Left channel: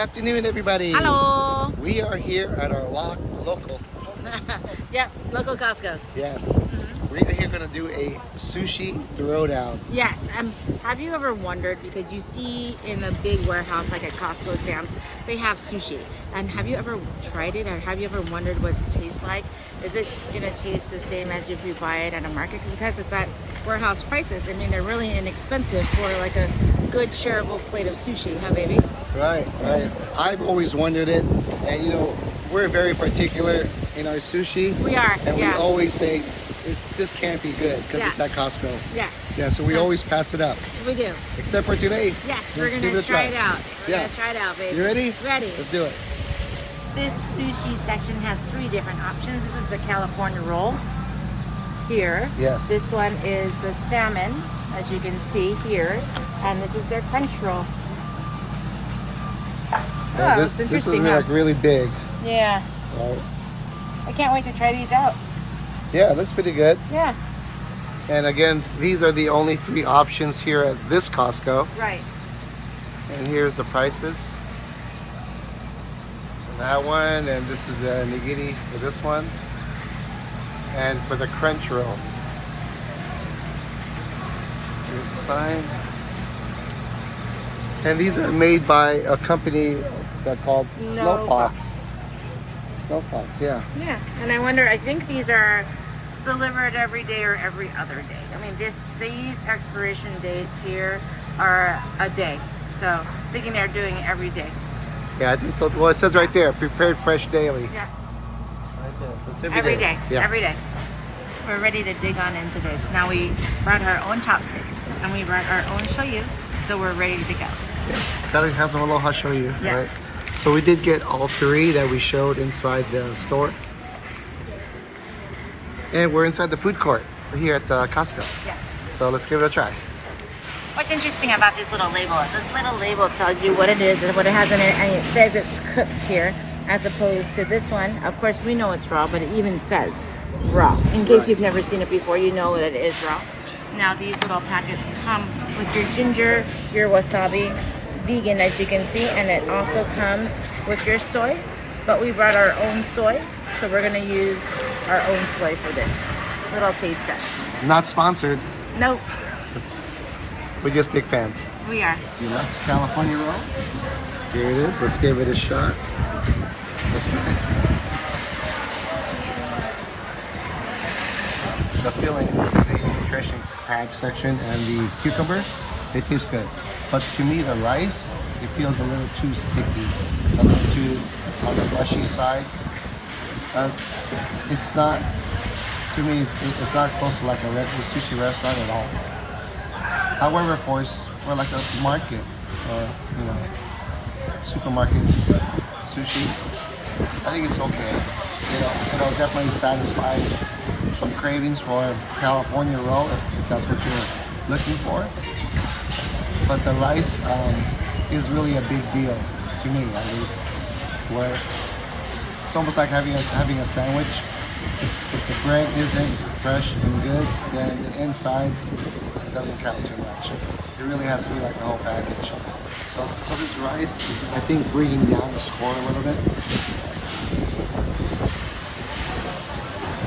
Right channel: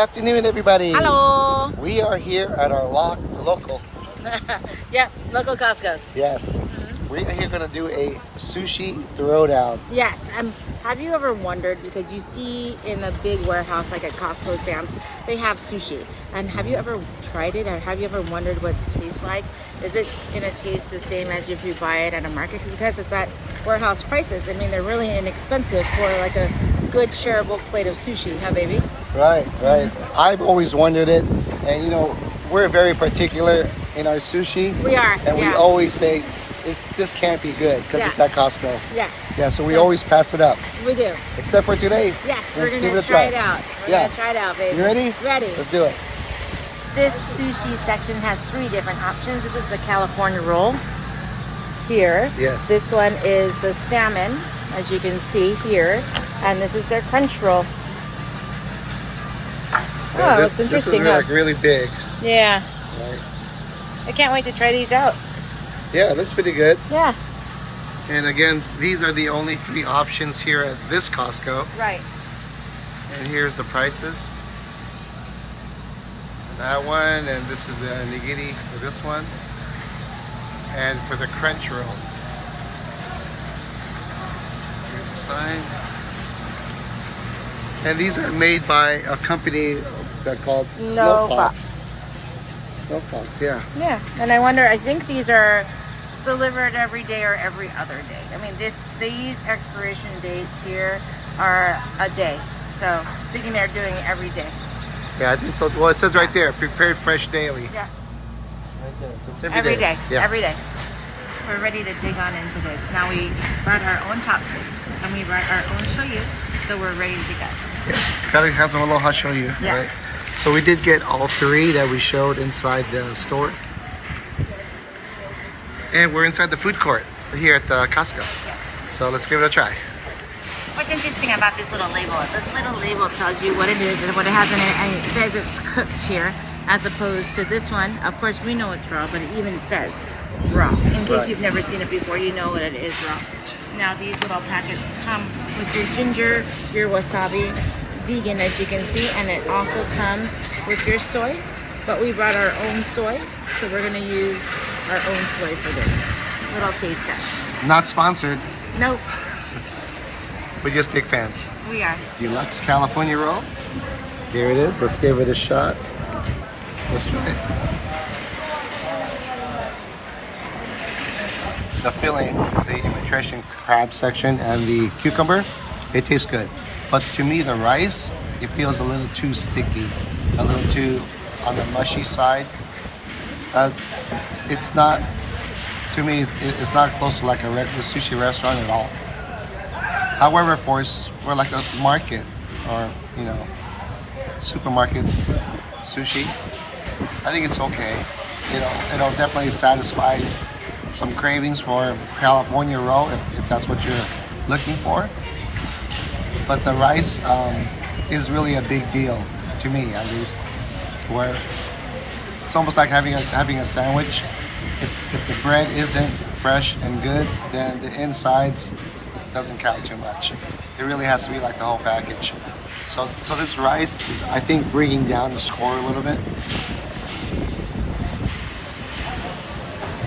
afternoon, everybody. Hello. We are here at our local. Yeah, local Costco. Yes. We are here going to do a sushi throwdown. Yes. Have you ever wondered, because you see in a big warehouse like at Costco, Sam's, they have sushi. And have you ever tried it? Or have you ever wondered what it tastes like? Is it going to taste the same as if you buy it at a market? Because it's at warehouse prices. I mean, they're really inexpensive for like a good shareable plate of sushi, huh, baby? Right. I've always wondered it. And, you know, we're very particular in our sushi. We are. And we always say, this can't be good because it's at Costco. Yeah, so we always pass it up. We do. Except for today. Yes, we're going to try it out. We're going to try it out, baby. You ready? Ready. Let's do it. This sushi section has 3 different options. This is the California roll here. Yes. This one is the salmon, as you can see here. And this is their crunch roll. Yeah, oh, it's interesting. This is like really big. Yeah. Right. I can't wait to try these out. Yeah, it looks pretty good. Yeah. And again, these are the only 3 options here at this Costco. Right. And here's the prices. And that one, and this is the nigiri for this one. And for the crunch roll. Here's the sign. And these are made by a company that's called Snow Fox. Snow Fox, yeah. Yeah, and I wonder, I think these are delivered every day or every other day. I mean, these expiration dates here are a day. So I'm thinking they're doing it every day. Yeah, I think so. Well, it says right there, prepared fresh daily. Yeah. Right there. So it's Every day. Yeah. Every day. We're ready to dig on into this. Now we brought our own chopsticks and we brought our own shoyu, so we're ready to go. Yeah. Gotta have some aloha shoyu, Yeah. right? So we did get all 3 that we showed inside the store. And we're inside the food court here at the Costco. Yeah. So let's give it a try. What's interesting about this little label? This little label tells you what it is and what it has in it, and it says it's cooked here, as opposed to this one. Of course, we know it's raw, but it even says raw. In case you've never seen it before, you know that it is raw. Now these little packets come with your ginger, your wasabi, vegan as you can see, and it also comes with your soy, but we brought our own soy, so we're going to use our own soy for this little taste test. Not sponsored. Nope. We're just big fans. We are. Deluxe California roll. Here it is. Let's give it a shot. Let's try it. The filling, the nutrition crab section and the cucumber, it tastes good. But to me, the rice, it feels a little too sticky, a little too on the mushy side. It's not, to me, it's not close to like a regular sushi restaurant at all. However, for like a market or, you know, supermarket sushi, I think it's okay. It'll definitely satisfy some cravings for California roll if that's what you're looking for. But the rice is really a big deal to me, at least. Where it's almost like having a sandwich. If the bread isn't fresh and good, then the insides doesn't count too much. It really has to be like the whole package. So this rice is, I think, bringing down the score a little bit.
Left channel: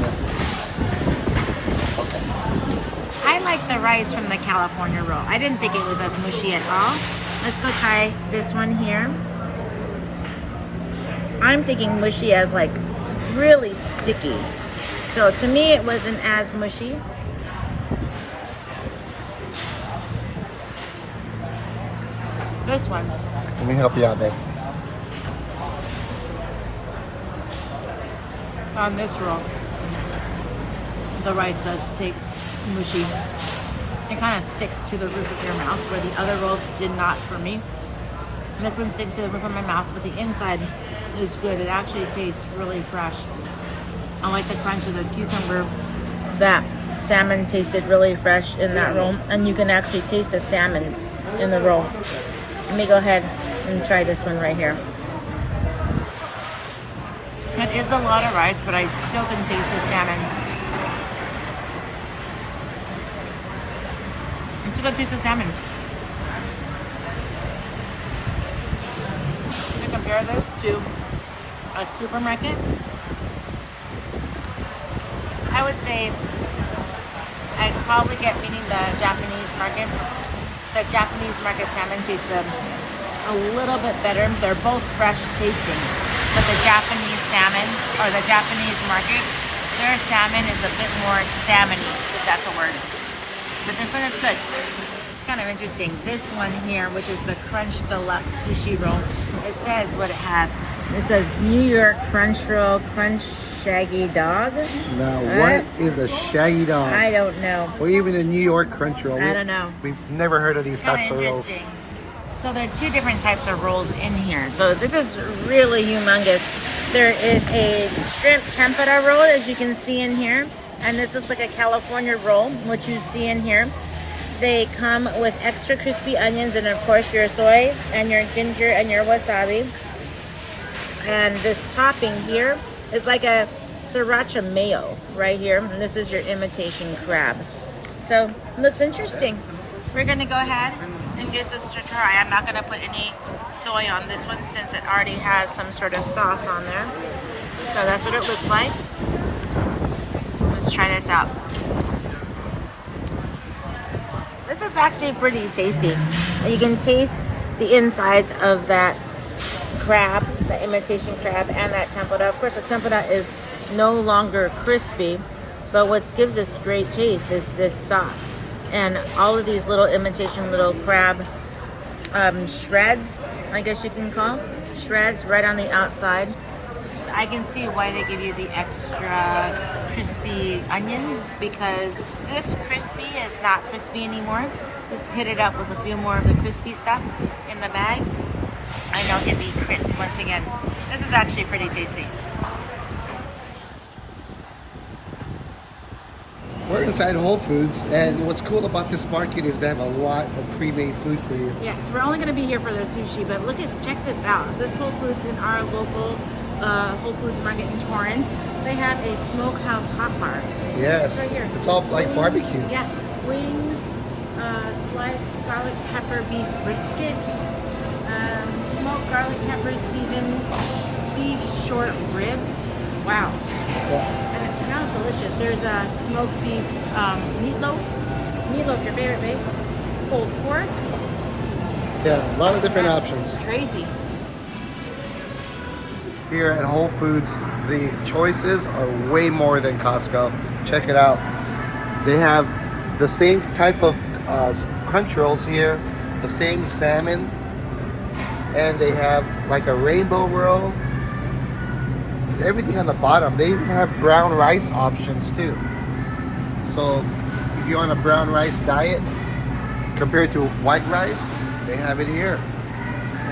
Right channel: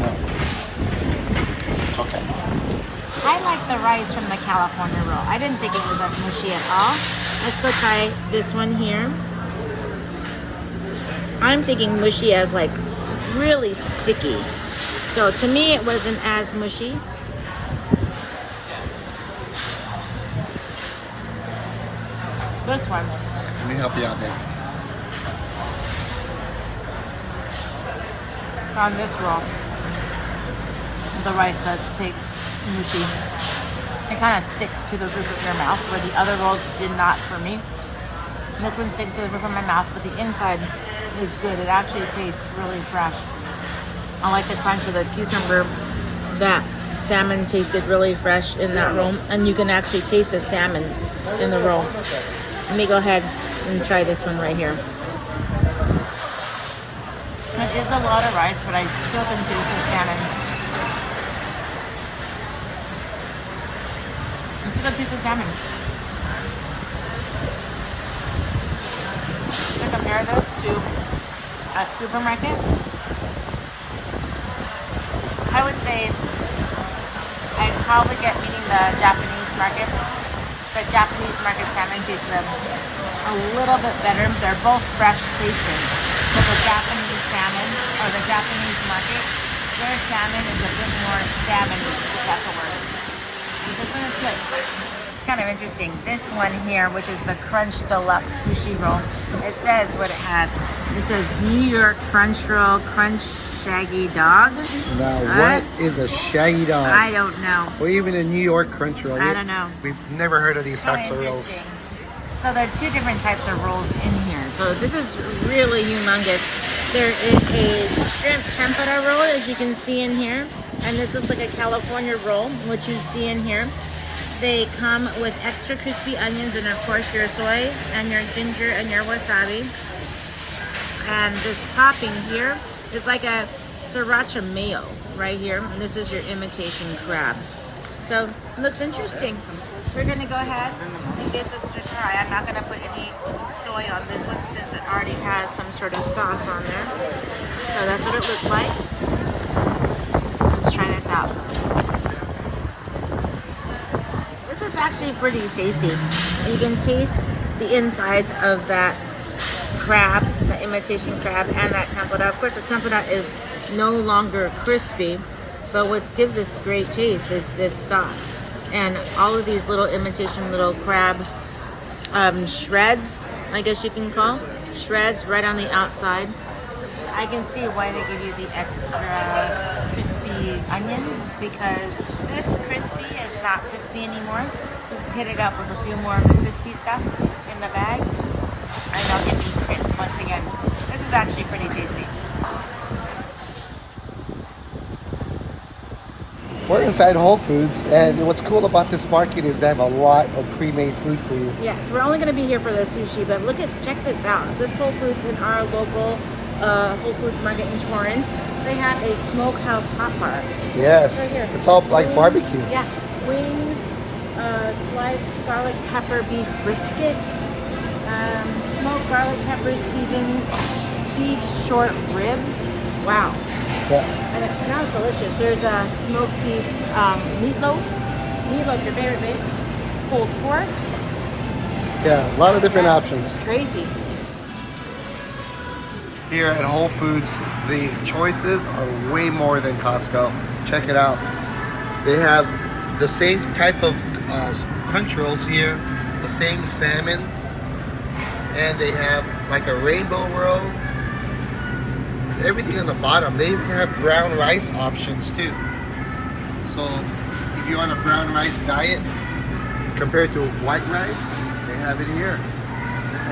Yeah. Okay. I like the rice from the California roll. I didn't think it was as mushy at all. Let's go try this one here. I'm thinking mushy as like really sticky. So to me it wasn't as mushy. This one. Let me help you out there. On this roll, the rice does taste mushy. It kind of sticks to the roof of your mouth, where the other roll did not for me. And this one sticks to the roof of my mouth, but the inside is good. It actually tastes really fresh. I like the crunch of the cucumber. That salmon tasted really fresh in that roll, and you can actually taste the salmon in the roll. Let me go ahead and try this one right here. It is a lot of rice, but I still can taste the salmon. It's a good piece of salmon. The compare this to a supermarket, I would say I'd probably get, meaning the Japanese market. The Japanese market salmon tastes a little bit better. They're both fresh tasting, but the Japanese salmon or the Japanese market, their salmon is a bit more salmony, if that's a word. But this one is good. It's kind of interesting. This one here, which is the Crunch Deluxe Sushi Roll, it says what it has. It says New York Crunch Roll, Crunch Shaggy Dog. Now, what is a shaggy dog? I don't know. Or even a New York Crunch Roll. I don't know. We've never heard of these types of rolls. So there are two different types of rolls in here. So this is really humongous. There is a shrimp tempura roll, as you can see in here. And this is like a California roll, which you see in here. They come with extra crispy onions and of course your soy and your ginger and your wasabi. And this topping here is like a sriracha mayo right here. And this is your imitation crab. So it looks interesting. We're gonna go ahead and give this a try. I'm not gonna put any soy on this one since it already has some sort of sauce on there. So that's what it looks like. Let's try this out. This is actually pretty tasty. You can taste the insides of that crab, the imitation crab, and that tempura. Of course, the tempura is no longer crispy, but what gives this great taste is this sauce. And all of these little imitation little crab shreds, I guess you can call, shreds right on the outside. I can see why they give you the extra crispy onions, because this crispy is not crispy anymore. Just hit it up with a few more of the crispy stuff in the bag, and they'll give me crisp once again. This is actually pretty tasty. We're inside Whole Foods, and what's cool about this market is they have a lot of pre-made food for you. Yeah, so we're only going to be here for the sushi, but check this out. This Whole Foods in our local Whole Foods market in Torrance, they have a smokehouse hot bar. Yes, right here. It's all like wings, barbecue. Yeah, wings, sliced garlic pepper beef brisket, smoked garlic pepper seasoned beef short ribs. Wow. Yeah. And it smells delicious. There's a smoked beef meatloaf. Meatloaf, your favorite, babe. Pulled pork. Yeah, a lot of different options. It's crazy. Here at Whole Foods, the choices are way more than Costco. Check it out. They have the same type of crunch rolls here, the same salmon, and they have like a rainbow roll. Everything on the bottom. They even have brown rice options too. So if you're on a brown rice diet compared to white rice, they have it here.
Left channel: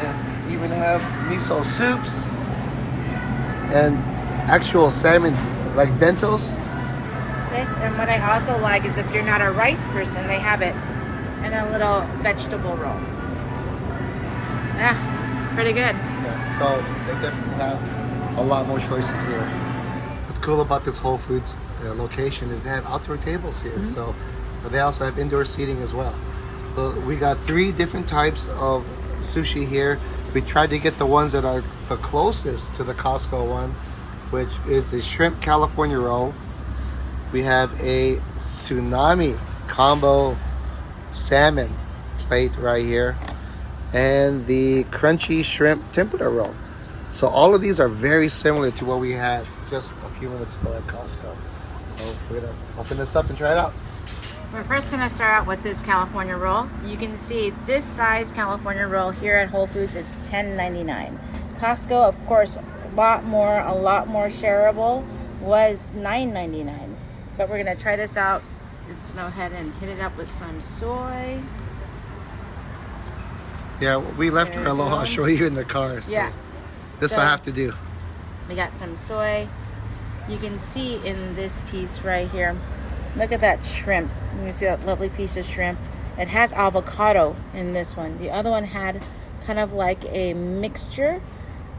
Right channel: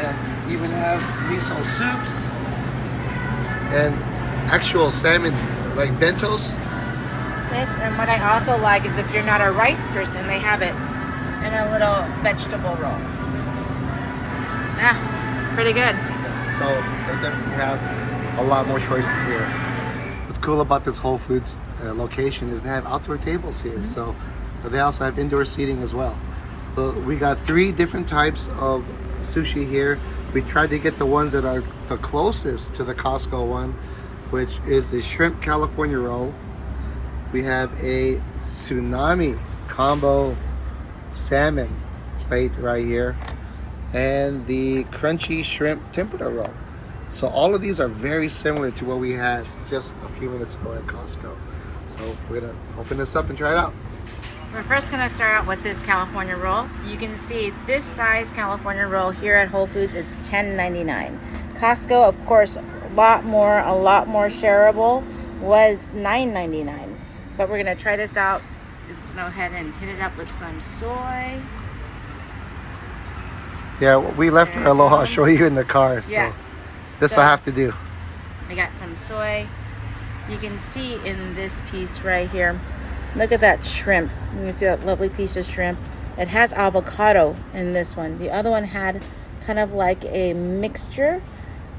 And even have miso soups and actual salmon like bentos. This, and what I also like is if you're not a rice person, they have it in a little vegetable roll. Yeah, pretty good. Yeah, so they definitely have a lot more choices here. What's cool about this Whole Foods location is they have outdoor tables here. So they also have indoor seating as well. So we got 3 different types of sushi here. We tried to get the ones that are the closest to the Costco one, which is the shrimp California roll. We have a tsunami combo salmon plate right here, and the crunchy shrimp tempura roll. So all of these are very similar to what we had just a few minutes ago at Costco. So we're gonna open this up and try it out. We're first gonna start out with this California roll. You can see this size California roll here at Whole Foods, it's $10.99. Costco, of course, a lot more shareable, was $9.99. But we're gonna try this out. Let's go ahead and hit it up with some soy. Yeah, we left our Aloha show you in the car, so Yeah. this So- I'll have to do. We got some soy. You can see in this piece right here, look at that shrimp. You can see that lovely piece of shrimp. It has avocado in this one. The other one had kind of like a mixture,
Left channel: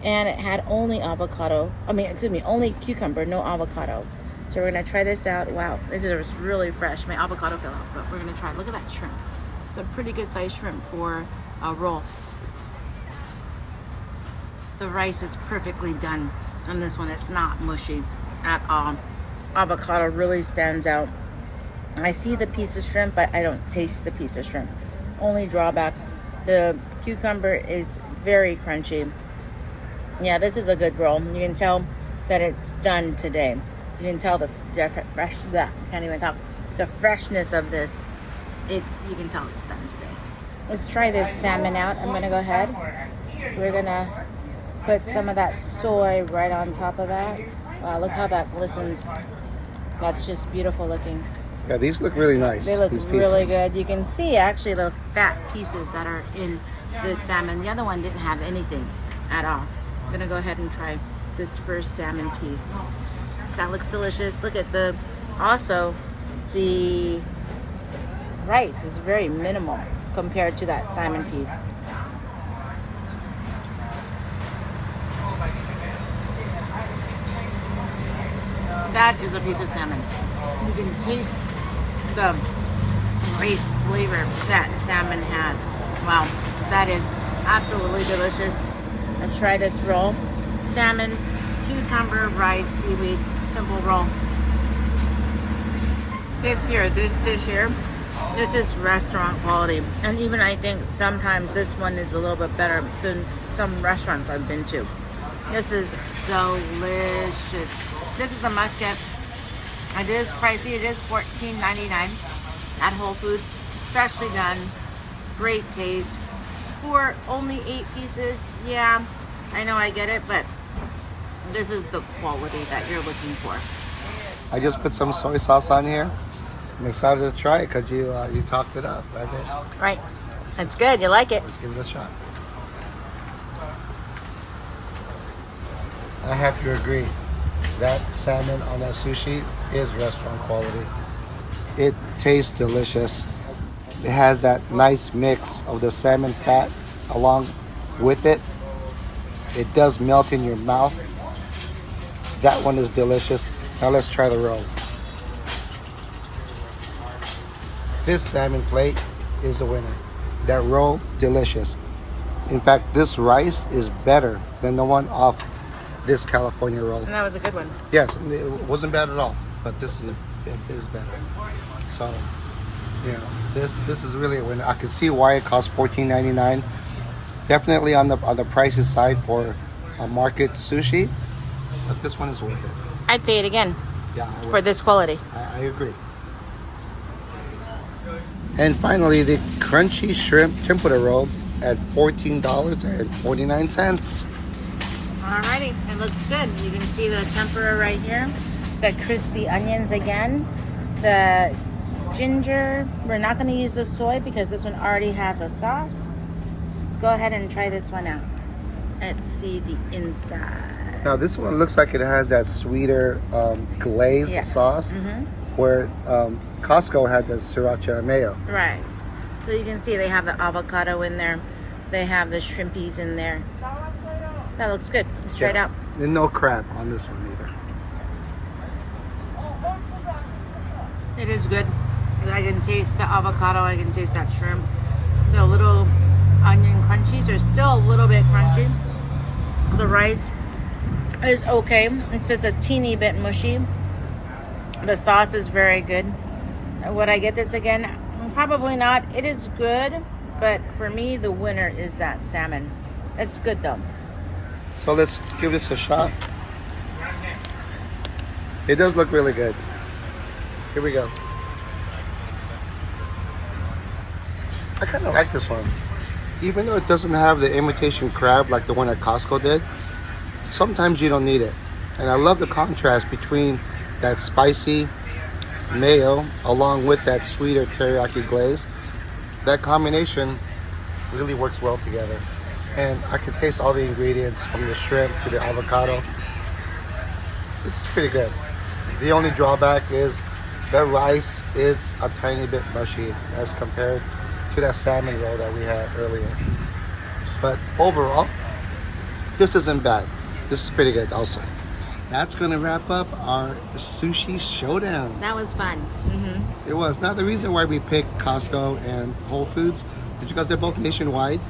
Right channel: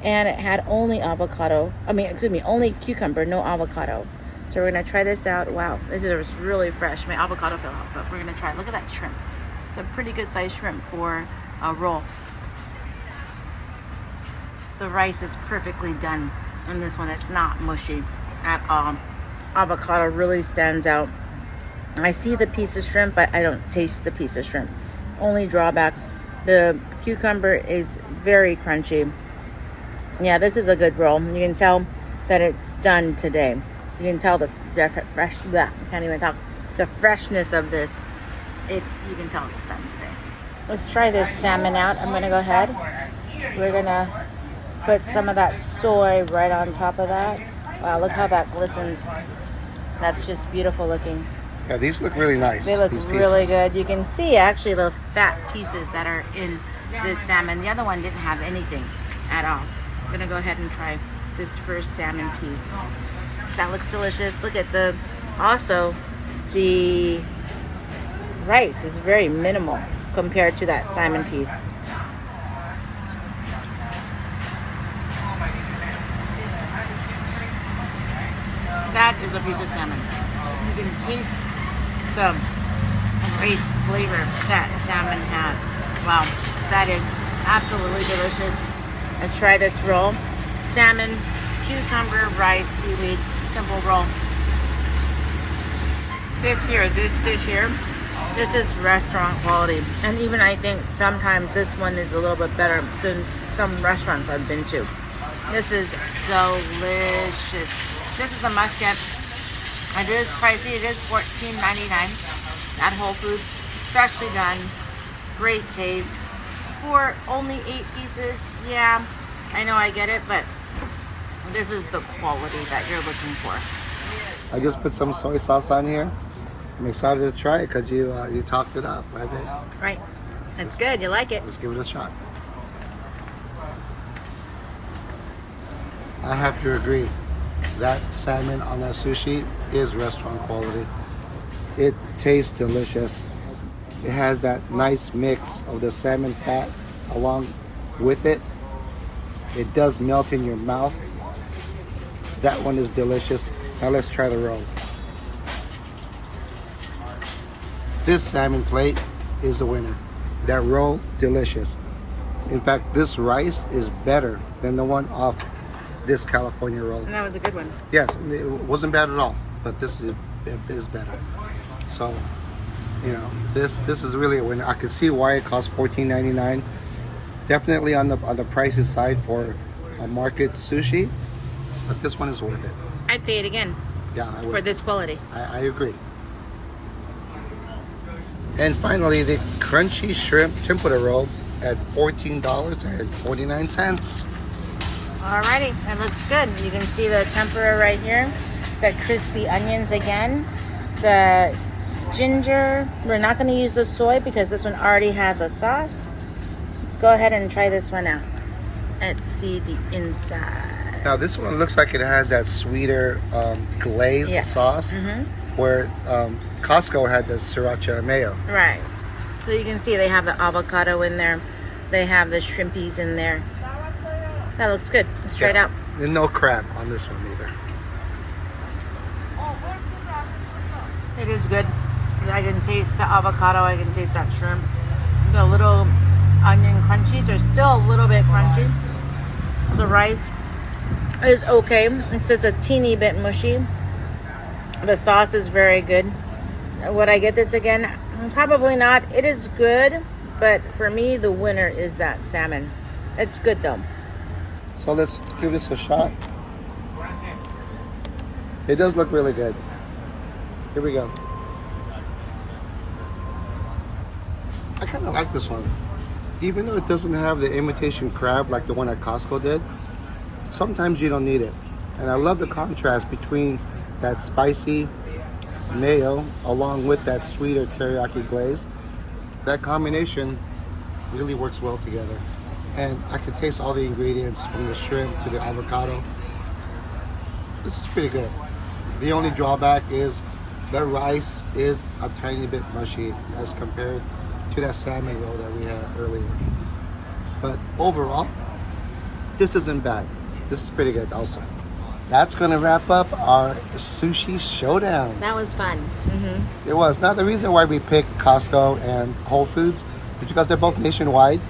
and it had only avocado. Only cucumber, no avocado. So we're gonna try this out. Wow, this is really fresh. My avocado fell out, but we're gonna try it. Look at that shrimp. It's a pretty good sized shrimp for a roll. The rice is perfectly done on this one. It's not mushy at all. Avocado really stands out. I see the piece of shrimp, but I don't taste the piece of shrimp. Only drawback, the cucumber is very crunchy. Yeah, this is a good roll. You can tell that it's done today. You can tell the fresh, I can't even talk. The freshness of this, you can tell it's done today. Let's try this salmon out. I'm gonna go ahead. We're gonna put some of that soy right on top of that. Wow, look how that glistens. That's just beautiful looking. Yeah, these look really nice. They look these really good. You can see actually the fat pieces that are in this salmon. The other one didn't have anything at all. I'm gonna go ahead and try this first salmon piece. That looks delicious. Look at also the rice is very minimal compared to that salmon piece. That is a piece of salmon. You can taste the great flavor that salmon has. Wow, that is absolutely delicious. Let's try this roll. Salmon, cucumber, rice, seaweed, simple roll. This dish here, this is restaurant quality. And even I think sometimes this one is a little bit better than some restaurants I've been to. This is delicious. This is a must-get. It is pricey. It is $14.99 at Whole Foods. Freshly done. Great taste. For only 8 pieces, yeah, I know I get it, but this is the quality that you're looking for. I just put some soy sauce on here. I'm excited to try it because you talked it up. Right. That's good. You like it. Let's give it a shot. I have to agree. That salmon on that sushi is restaurant quality. It tastes delicious. It has that nice mix of the salmon fat along with it. It does melt in your mouth. That one is delicious. Now let's try the roll. This salmon plate is the winner. That roll, delicious. In fact, this rice is better than the one off this California roll. And that was a good one. Yes, it wasn't bad at all, but this is better. So, you know, this is really a winner. I can see why it costs $14.99. Definitely on the pricey side for a market sushi, but this one is worth it. I'd pay it again. Yeah, I would. For this quality. I agree. And finally, the crunchy shrimp tempura roll at $14.49. Alrighty, it looks good. You can see the tempura right here, the crispy onions again, the ginger. We're not going to use the soy because this one already has a sauce. Let's go ahead and try this one out. Let's see the inside. Now this one looks like it has that sweeter glaze sauce, where Costco had the sriracha mayo. Right. So you can see they have the avocado in there. They have the shrimpies in there. That looks good. Let's try it out. And no crab on this one either. It is good. I can taste the avocado. I can taste that shrimp. The little onion crunchies are still a little bit crunchy. The rice is okay. It's just a teeny bit mushy. The sauce is very good. Would I get this again? Probably not. It is good, but for me, the winner is that salmon. It's good though. So let's give this a shot. It does look really good. Here we go. I kind of like this one. Even though it doesn't have the imitation crab like the one at Costco did, sometimes you don't need it. And I love the contrast between that spicy mayo along with that sweeter teriyaki glaze. That combination really works well together. And I can taste all the ingredients from the shrimp to the avocado. This is pretty good. The only drawback is the rice is a tiny bit mushy as compared to that salmon roll that we had earlier. But overall, this isn't bad. This is pretty good also. That's going to wrap up our sushi showdown. That was fun. It was. Now, the reason why we picked Costco and Whole Foods is because they're both nationwide.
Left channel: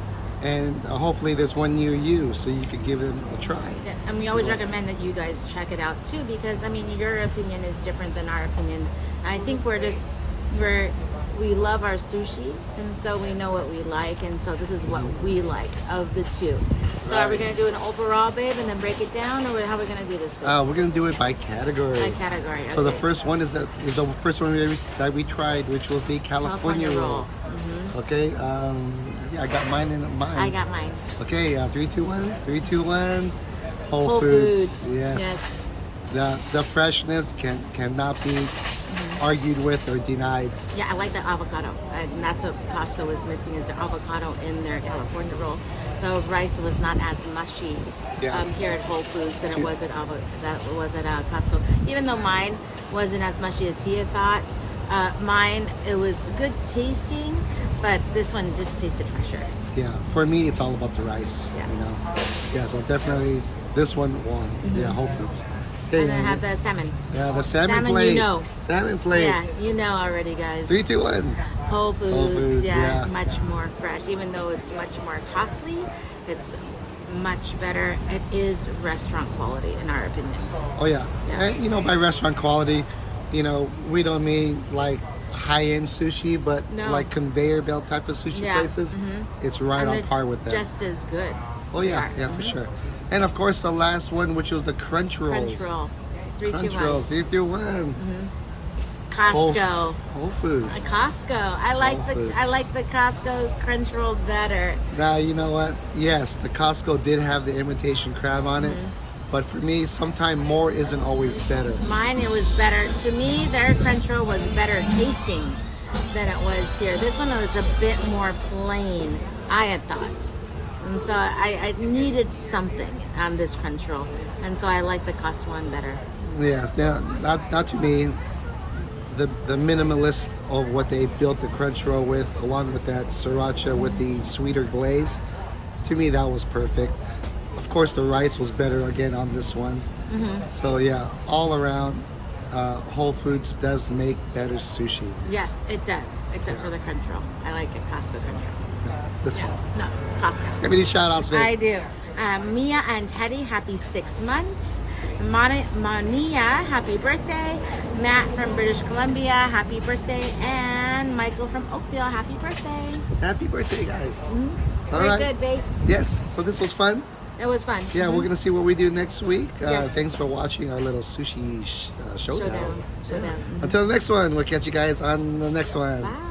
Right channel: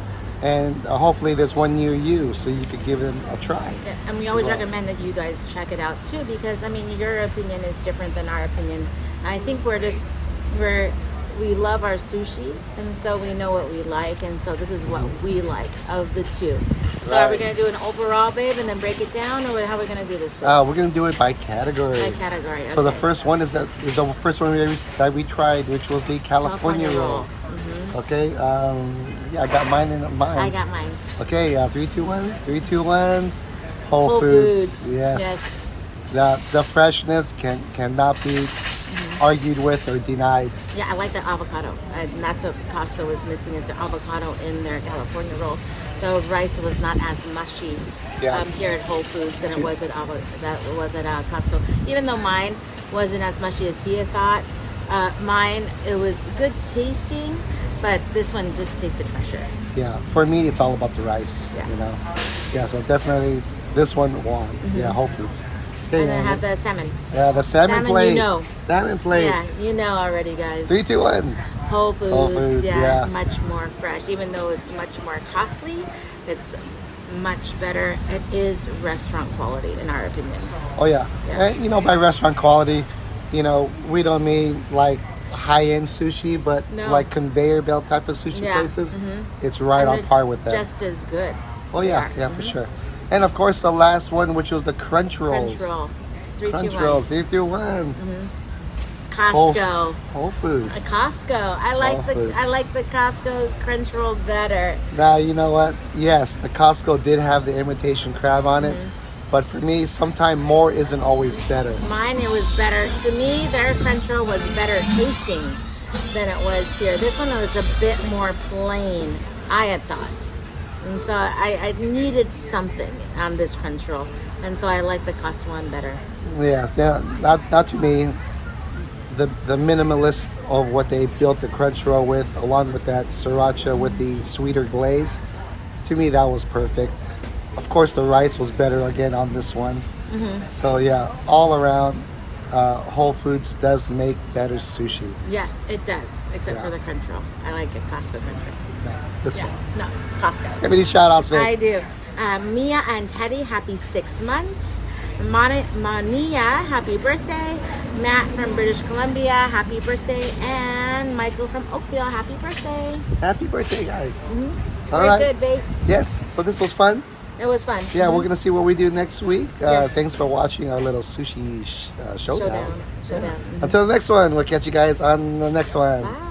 and hopefully there's one near you, so you could give them a try. Yeah, and we always As well. recommend that you guys check it out too, because I mean, your opinion is different than our opinion. I think we love our sushi, and so we know what we like, and so this is what we like of the two. So are we Right. gonna do an overall, babe, and then break it down, or how are we gonna do this, babe? We're gonna do it by category. By category. So the okay. first one is the first one that we tried, which was the California roll. Okay. Yeah, I got mine in mine. I got mine. Okay. 3, 2, 1. 3, 2, 1. Whole Whole Foods. Foods. Yes. The freshness cannot be argued with or denied. Yeah, I like the avocado, and that's what Costco was missing, is the avocado in their California roll. The rice was not as mushy Yeah. here at Whole Foods than it was at Costco. Even though mine wasn't as mushy as he had thought, mine, it was good tasting, but this one just tasted fresher. Yeah. For me, it's all about the rice. Yeah. You know. Yeah. So definitely this one won. Yeah. Whole Foods. Okay. And then I have the salmon. Yeah, the salmon Salmon, plate. you know. Salmon plate. Yeah, you know already, guys. 3, 2, 1. Whole Foods, Whole Foods, yeah. much more fresh. Even though it's much more costly, it's much better. It is restaurant quality, in our opinion. Oh yeah. Yeah. And you know, by restaurant quality, you know, we don't mean like high-end sushi, but No. like conveyor belt type of sushi Yeah. places. It's right And on they're par with that. Just as good. Oh yeah, yeah, for sure. And of course, the last one, which was the crunch rolls. Crunch roll. 3, 2, Crunch 1. rolls. 3, 2, 1. Costco. Whole Foods. Costco. I like Whole Foods. the Costco crunch roll better. Now you know what? Yes, the Costco did have the imitation crab on it, but for me, sometimes more isn't always better. Mine, it was better. To me, their crunch roll was better tasting than it was here. This one was a bit more plain, I had thought. And so I needed something on this crunch roll. And so I like the Costco one better. Yeah, not to me. The minimalist of what they built the crunch roll with, along with that sriracha with the sweeter glaze, to me that was perfect. Of course, the rice was better again on this one. So yeah, all around, Whole Foods does make better sushi. Yes, it does, except Yeah. for the crunch roll. I like the Costco crunch roll. No, this Yeah, one. no, Costco. Give me these shout outs, I babe. do. Mia and Teddy, happy 6 months. Mania, happy birthday. Matt from British Columbia, happy birthday. And Michael from Oakville, happy birthday. Happy birthday, guys. All Very right. good, babe. Yes, so this was fun. It was fun. Yeah, we're going to see what we do next week. Yes. Thanks for watching our little sushi showdown. Showdown. Until the next one, we'll catch you guys on the next one. Bye.